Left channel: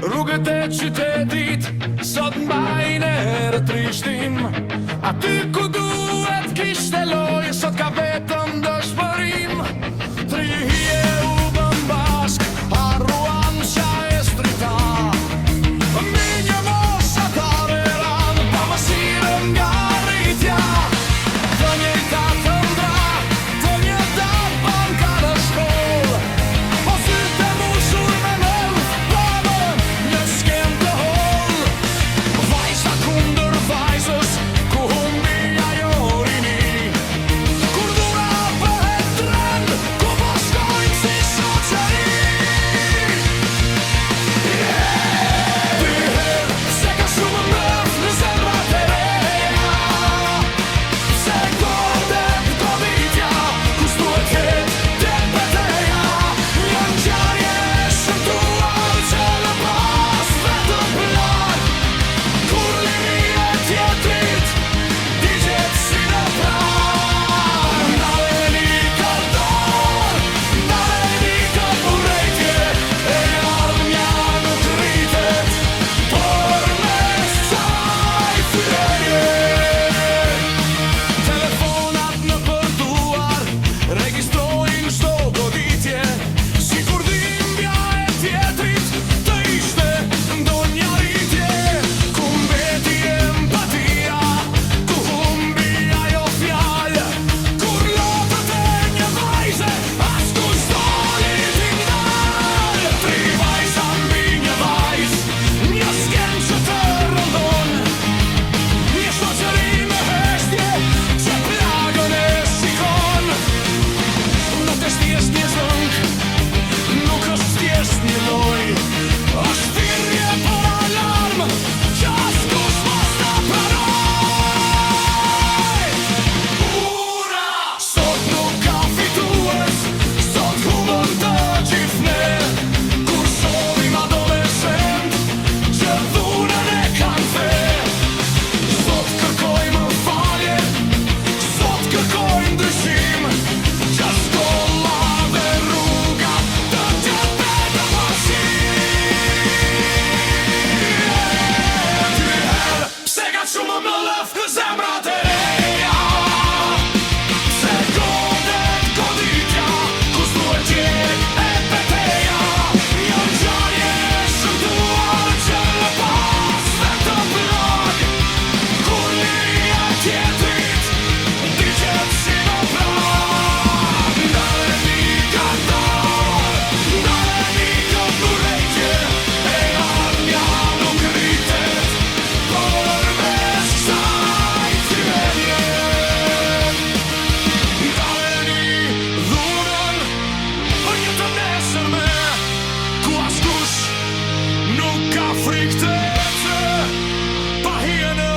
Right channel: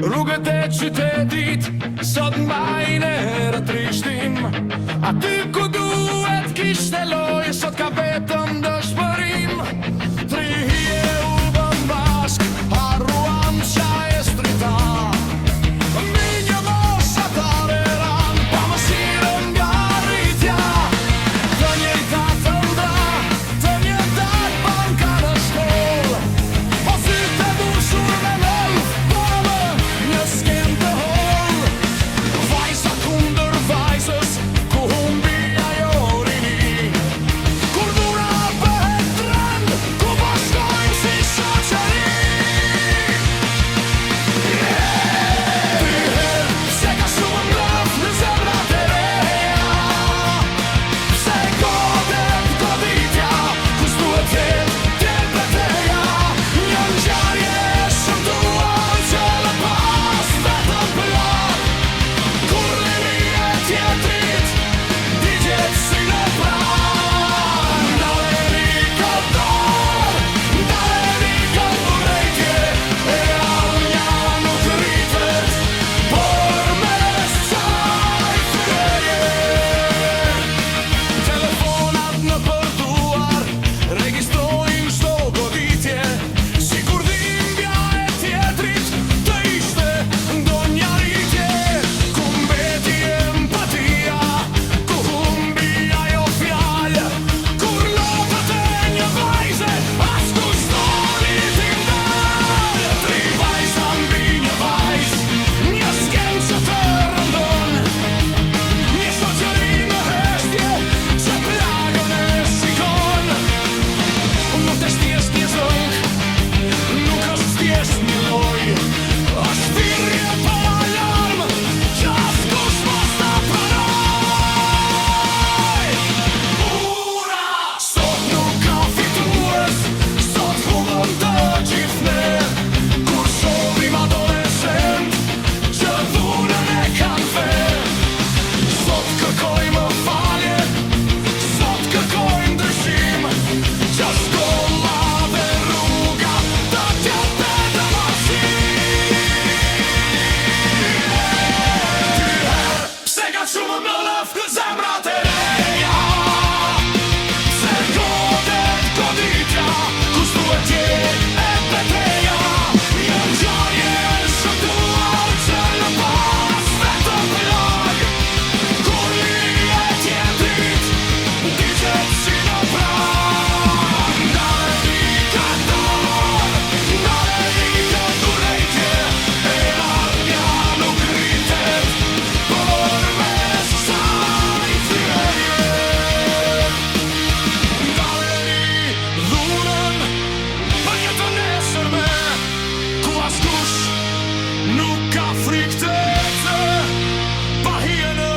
Rrugët e qytetit sot mbajnë rëtrishtim. Aty ku duhet kishte lojë sot ka vetëm dëshpërim. Tri hije u bën bashk, harruan qa e strita. Mbi një moshatare ran, pa mëshirën nga rritja. Të njëjta të ndra, të një datë banka në shkollë. Po sytë e mushur me mëll, bëmë një skem të hollë. Vajza kundër vajzës, ku humbi ajo rini. Kur dhura bëhet trend, ku bashkojmë si shoqëri. Dyher, pse ka shumë mlëf në zemrat e reja. Pse godet goditja, kus duhet ket tepeteja. Një ngjarje e shëmtuar që lë pas vetëm plan. Kur liria e tjetrit digjet si në pran. Ndaleni ka dorë, ndaleni ka urrejtje. E ardhmja nuk rritet, por mes kësaj fytyrje. Telefonat në përduar regjistrojnë çdo goditje. Sikur dhimbja e tjetrit të ishte ndonjë arritje. Ku mbeti empatia, ku humbi ajo fjalë. Kur lotët e një vajze, askush doli t'i ndal. Tri vajza mbi një vajzë, një skem që të rëndon. Një shoqëri në heshtje që plagën e shikon. Nuk është thjesht një zënk, nuk është thjesht një lojë. Është thirrje për alarm që askush mos ta pranoj. Ura! Sot nuk ka fitues, sot humbën të gjithë ne. Kur shohim adoleshent që dhunën e kanë fe. Sot kërkojmë falje, sot kërkojmë ndryshim. Që shkolla dhe rruga të jetë vetëm Dyher, pse ka shumë mlëf në zemrat e reja. Pse godet goditja, kus duhet jetë e peteja. Një ngjarje e shëmtuar që lë pas vetëm plag. Kur liria e tjetrit digjet si në pran. Ndaleni ka dorë, ndaleni ka urrejtje. E ardhmja nuk rritet, por mes kësaj fytyrje. Ndaleni dhunën për një të nesërme, ku askush nuk ka frikë të ecë, pa hije në